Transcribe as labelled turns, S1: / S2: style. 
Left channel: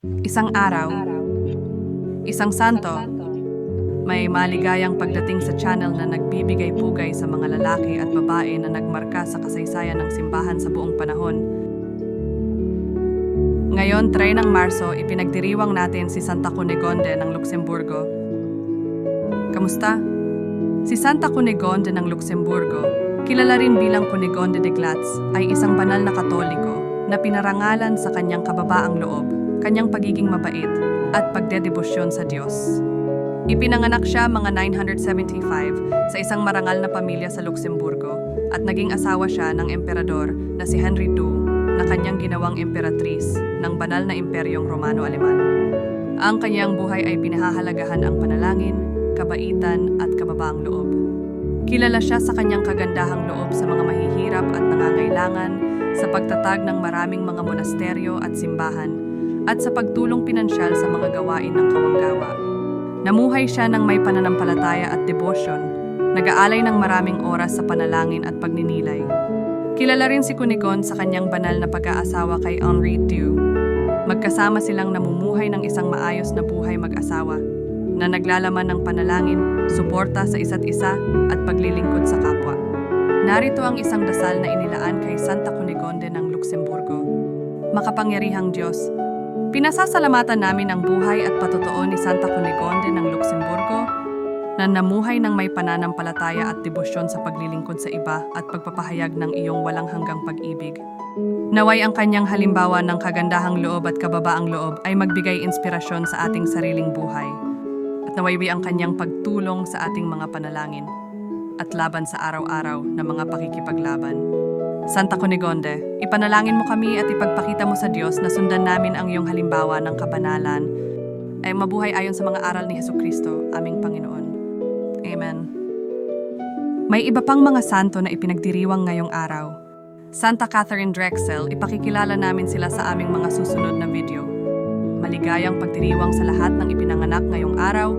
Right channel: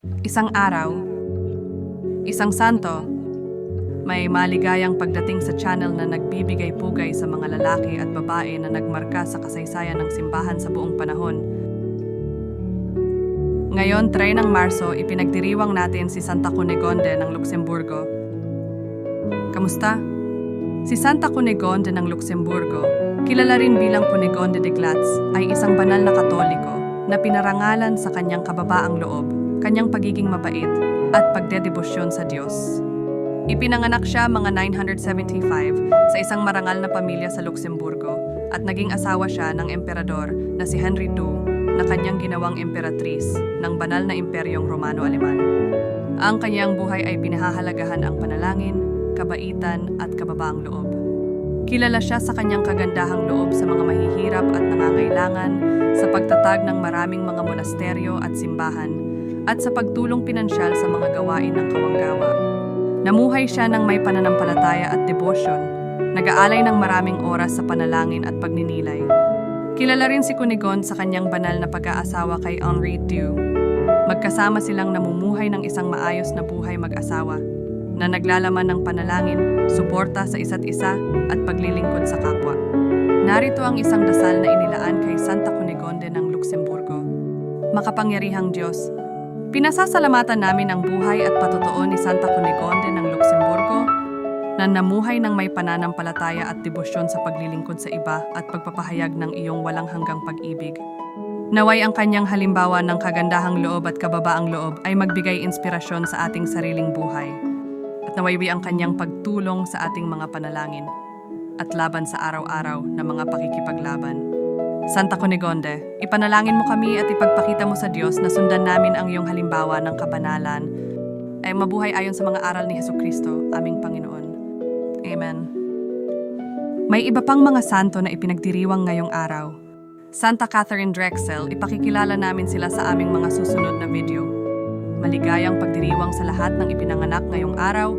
S1: Isang araw, isang santo, may maligayang pagdating sa channel na nagbibigay pugay sa mga lalaki at babae na nagmarka sa kasaysayan ng simbahan sa buong panahon. Ngayon, 3 ng Marso, ipinagdiriwang natin si Santa Cunegonde ng Luxemburgo. Kamusta? Si Santa Cunegonde ng Luxemburgo, kilala rin bilang Cunegonde de Glatz, ay isang banal na katoliko na pinarangalan sa kanyang kababaang loob, kanyang pagiging mabait, at pagdedebosyon sa Diyos. Ipinanganak siya mga 975 sa isang marangal na pamilya sa Luxemburgo at naging asawa siya ng emperador na si Henry II na kanyang ginawang emperatris ng banal na imperyong Romano-Aleman. Ang kanyang buhay ay pinahahalagahan ang panalangin, kabaitan at kababaang loob. Kilala siya sa kanyang kagandahang loob sa mga mahihirap at nangangailangan, sa pagtatag ng maraming mga monasteryo at simbahan, at sa pagtulong pinansyal sa mga gawain ng kawanggawa. Namuhay siya ng may pananampalataya at debosyon, nag-aalay ng maraming oras sa panalangin at pagninilay. Kilala rin si Cunigon sa kanyang banal na pag-aasawa kay Henri II. Magkasama silang namumuhay ng isang maayos na buhay mag-asawa na naglalaman ng panalangin, suporta sa isa't isa at paglilingkod sa kapwa. Narito ang isang dasal na inilaan kay Santa Cunegonde ng Luxemburgo. Makapangyarihang Diyos, Pinasasalamatan namin ang buhay at patotoo ni Santa Cunegonde ng Luxemburgo na namuhay ng may pananampalataya at debosyon sa paglilingkod sa iba at pagpapahayag ng iyong walang hanggang pag-ibig. Naway ang kanyang halimbawa ng kagandahang loob at kababaang loob ay magbigay inspirasyon sa ating sariling buhay at nawaywi ang kanyang pagtulong sa ating mga panalangin at laban sa araw-araw na mga pakikipaglaban. Santa Cunegonde, ipanalangin mo kami at ipagpakita mo sa Diyos na sundan namin ang iyong halimbawa ng kabanalan ay mabuhay ayon sa mga aral ni Heso Kristo, aming Panginoon. Amen. May iba pang mga santo na ipinagdiriwang ngayong araw. Santa Catherine Drexel, ipakikilala namin sila sa aming mga susunod na video. Maligayang pagdiriwang sa lahat ng ipinanganak ngayong araw